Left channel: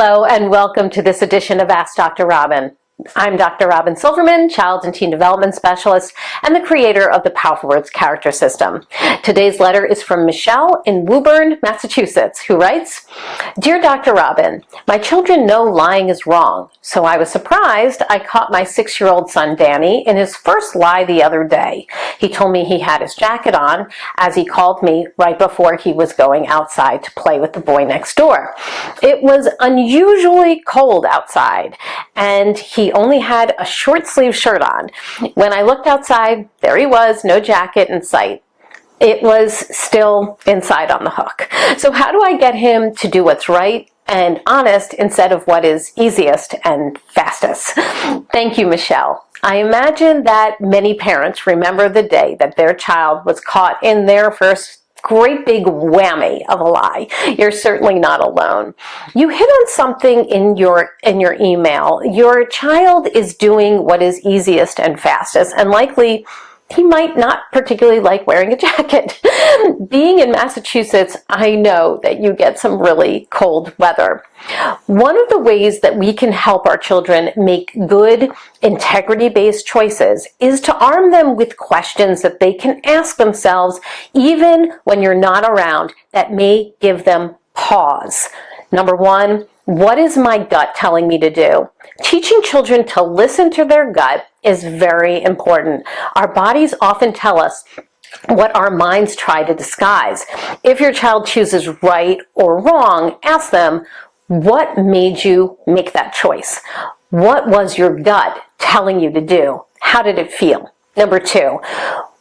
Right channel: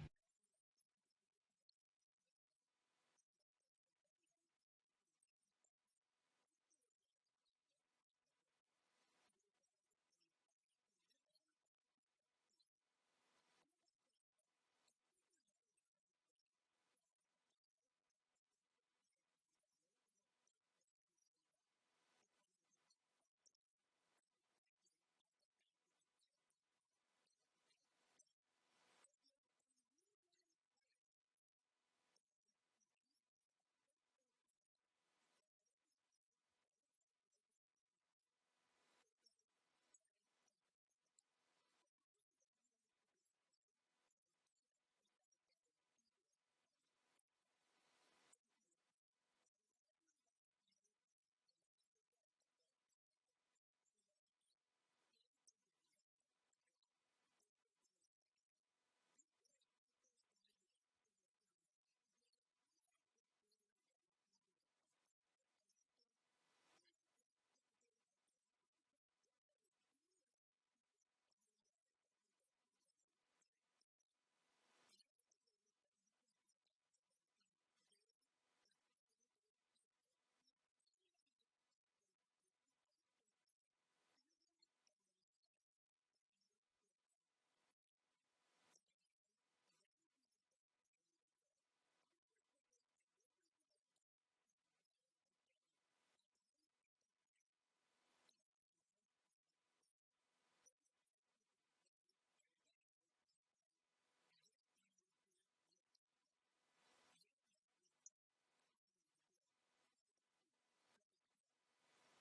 Hello and welcome to this edition of Ask Dr. Robyn. I'm Dr. Robyn Silverman, Child and Teen Development Specialist and the creator of the Powerful Words Character System. Today's letter is from Michelle in Woburn, Massachusetts, who writes, Dear Dr. Robyn, my children know lying is wrong, so I was surprised I caught my 6-year-old son Danny in his first lie the other day. He told me he had his jacket on as he called me right before he was going outside to play with the boy next door. It was unusually cold outside, and he only had a short sleeve shirt on. When I looked outside, there he was, no jacket in sight. It was still inside on the hook. So how do I get him to do what's right and honest instead of what is easiest and fastest? Thank you, Michelle. I imagine that many parents remember the day that their child was caught in their first great big whammy of a lie. You're certainly not alone. You hit on something in your email. Your child is doing what is easiest and fastest, and likely he might not particularly like wearing a jacket. Being in Massachusetts, I know that you get some really cold weather. One of the ways that we can help our children make good, integrity-based choices is to arm them with questions that they can ask themselves even when you're not around that may give them pause. Number one, what is my gut telling me to do? Teaching children to listen to their gut is very important. Our bodies often tell us what our minds try to disguise. If your child chooses right or wrong, ask them, what made you make that choice? What was your gut telling you to do? How did it feel? Number two,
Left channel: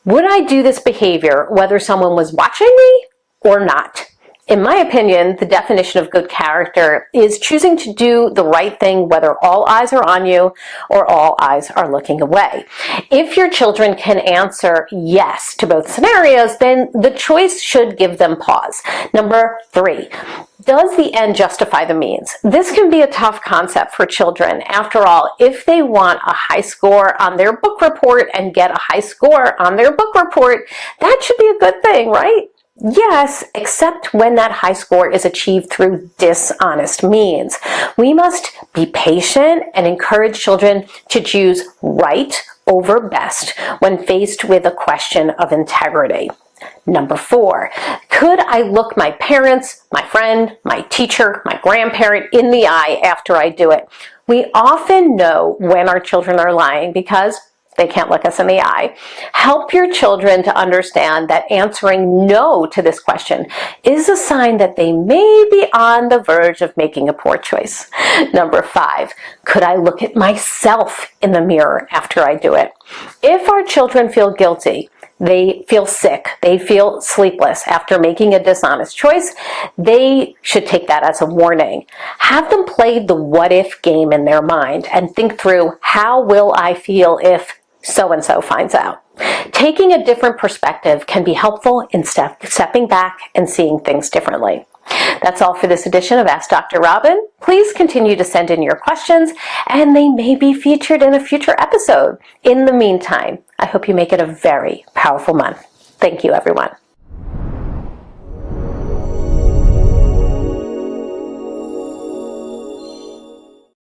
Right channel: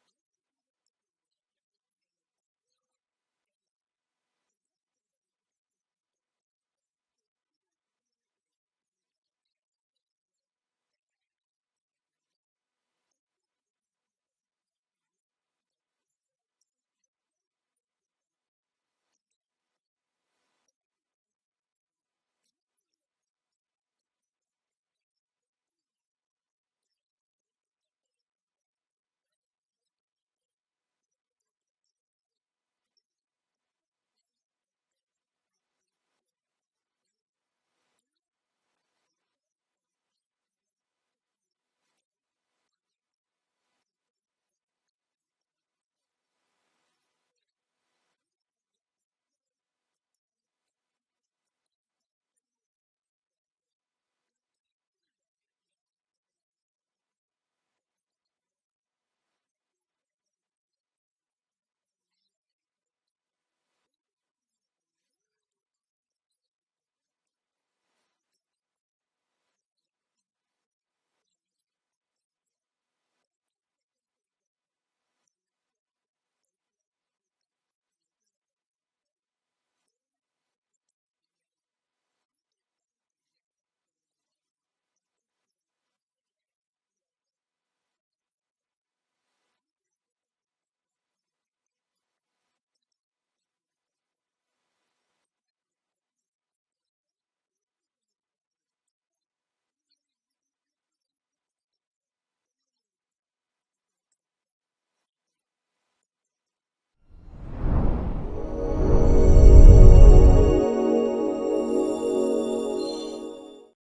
would I do this behavior whether someone was watching me or not? In my opinion, the definition of good character is choosing to do the right thing whether all eyes are on you or all eyes are looking away. If your children can answer yes to both scenarios, then the choice should give them pause. Number three, does the end justify the means? This can be a tough concept for children. After all, if they want a high score on their book report and get a high score on their book report, that should be a good thing, right? Yes, except when that high score is achieved through dishonest means. We must be patient and encourage children to choose right over best when faced with a question of integrity. Number four, could I look my parents, my friend, my teacher, my grandparent in the eye after I do it? We often know when our children are lying because they can't look us in the eye. Help your children to understand that answering no to this question is a sign that they may be on the verge of making a poor choice. Number five, could I look at myself in the mirror after I do it? If our children feel guilty, they feel sick, they feel sleepless after making a dishonest choice, they should take that as a warning. Have them play the what-if game in their mind and think through, how will I feel if so-and-so finds out? Taking a different perspective can be helpful in stepping back and seeing things differently. That's all for this edition of Ask Dr. Robyn. Please continue to send in your questions, and they may be featured in a future episode. In the meantime, I hope you make it a very powerful month. Thank you, everyone.